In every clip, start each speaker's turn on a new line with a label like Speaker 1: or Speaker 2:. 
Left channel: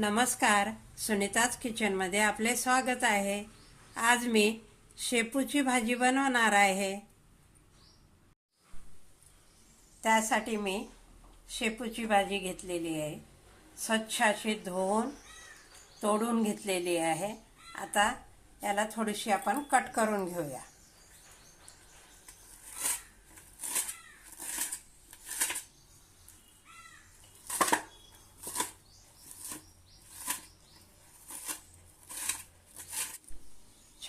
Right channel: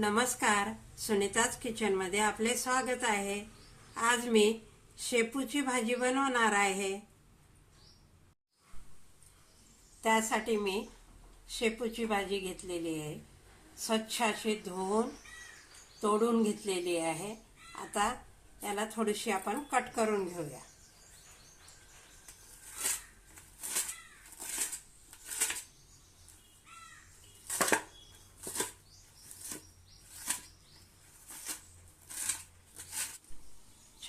Speaker 1: नमस्कार सुनीताज किचनमध्ये आपले स्वागत आहे. आज मी शेपूची भाजी बनवणार आहे. त्यासाठी मी शेपूची भाजी घेतलेली आहे. स्वच्छ अशी धुवून तोडून घेतलेली आहे. आता याला थोडीशी आपण कट करून घेऊया.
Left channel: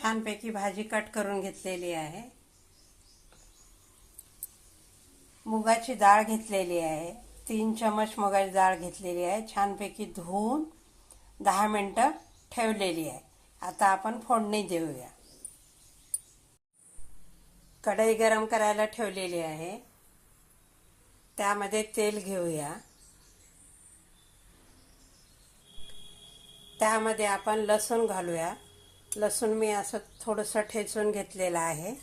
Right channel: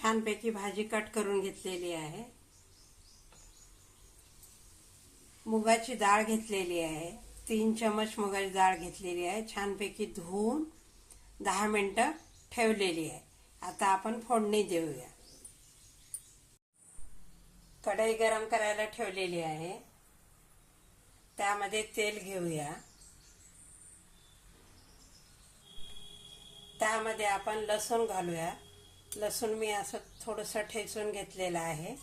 Speaker 1: छानपैकी भाजी कट करून घेतलेली आहे. मुगाची डाळ घेतलेली आहे. तीन चमच मुगाची डाळ घेतलेली आहे. छानपैकी धुवून दहा मिनटं ठेवलेली आहे. आता आपण फोडणी देऊया. कढई गरम करायला ठेवलेली आहे. त्यामध्ये तेल घेऊया. त्यामध्ये आपण लसूण घालूया. लसूण मी असं थोडंसं ठेचून घेतलेलं आहे.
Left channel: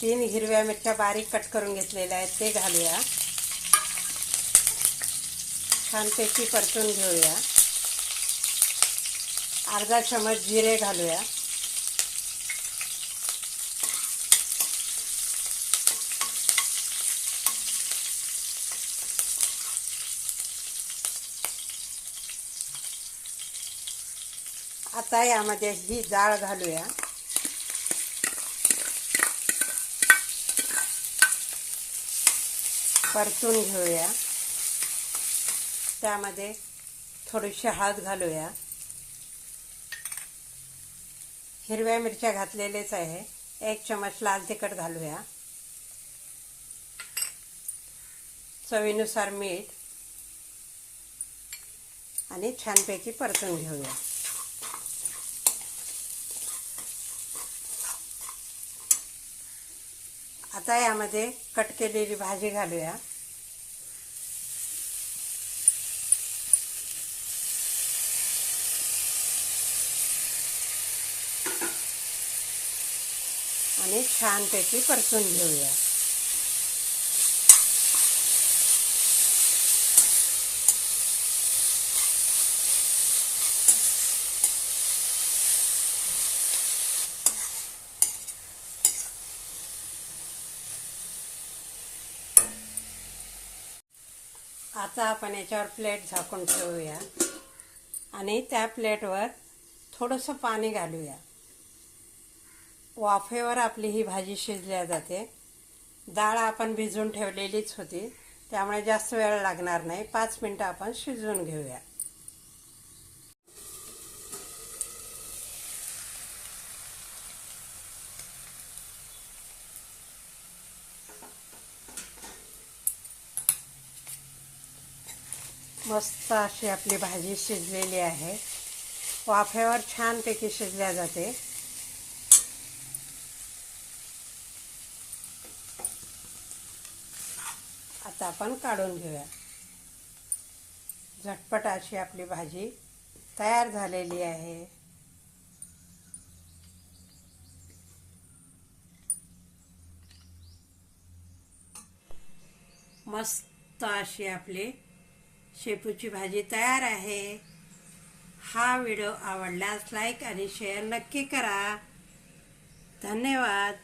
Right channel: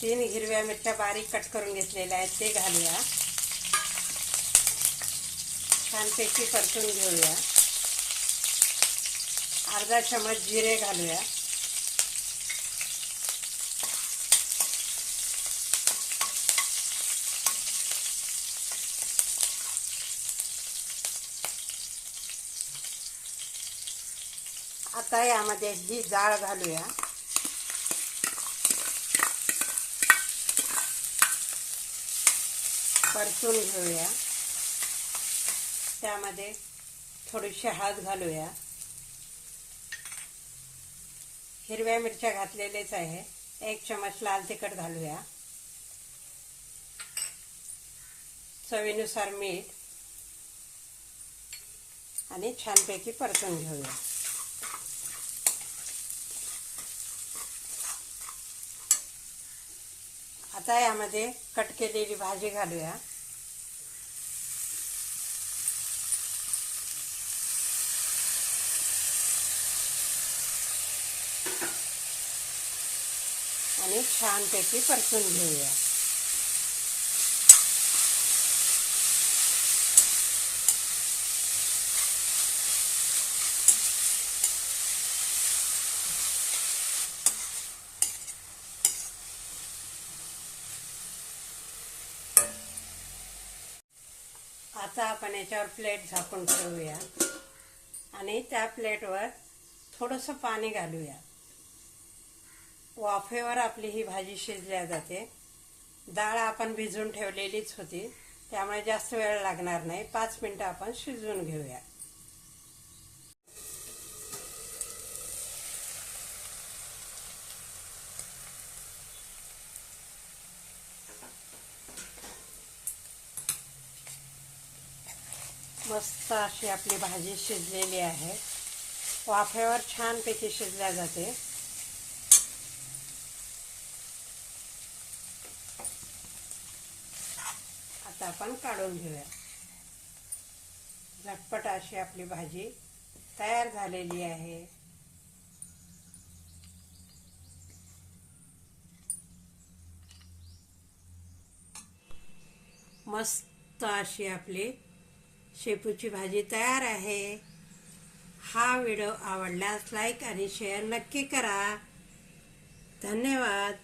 Speaker 1: तीन हिरव्या मिरच्या बारीक कट करून घेतलेल्या आहेत ते घालूया. छानपैकी परतून घेऊया. अर्धा चमच जिरे घालूया. आता यामध्ये ही डाळ घालूया. परतून घेऊया. त्यामध्ये थोडीशी हळद घालूया. हिरव्या मिरच्या घातलेलेच आहे. एक चमच लाल तिखट घालूया. चवीनुसार मीठ. आणि छानपैकी परतून घेऊया. आता यामध्ये कट केलेली भाजी घालूया. आणि छानपैकी परतून घेऊया. आता आपण याच्यावर प्लेट झाकून ठेवूया. आणि त्या प्लेटवर थोडंसं पाणी घालूया. वाफेवर आपली ही भाजी शिजल्या जाते. डाळ आपण भिजून ठेवलेलीच होती. त्यामुळे जास्त वेळ लागणार नाही. पाच मिनटं आपण शिजवून घेऊया. मस्त अशी आपली भाजी शिजलेली आहे. वाफेवर छानपैकी शिजल्या जाते. आता आपण काढून घेऊया. झटपट अशी आपली भाजी तयार झालेली आहे. मस्त अशी आपली शेपूची भाजी तयार आहे. हा व्हिडिओ आवडल्यास लाईक आणि शेअर नक्की करा. धन्यवाद.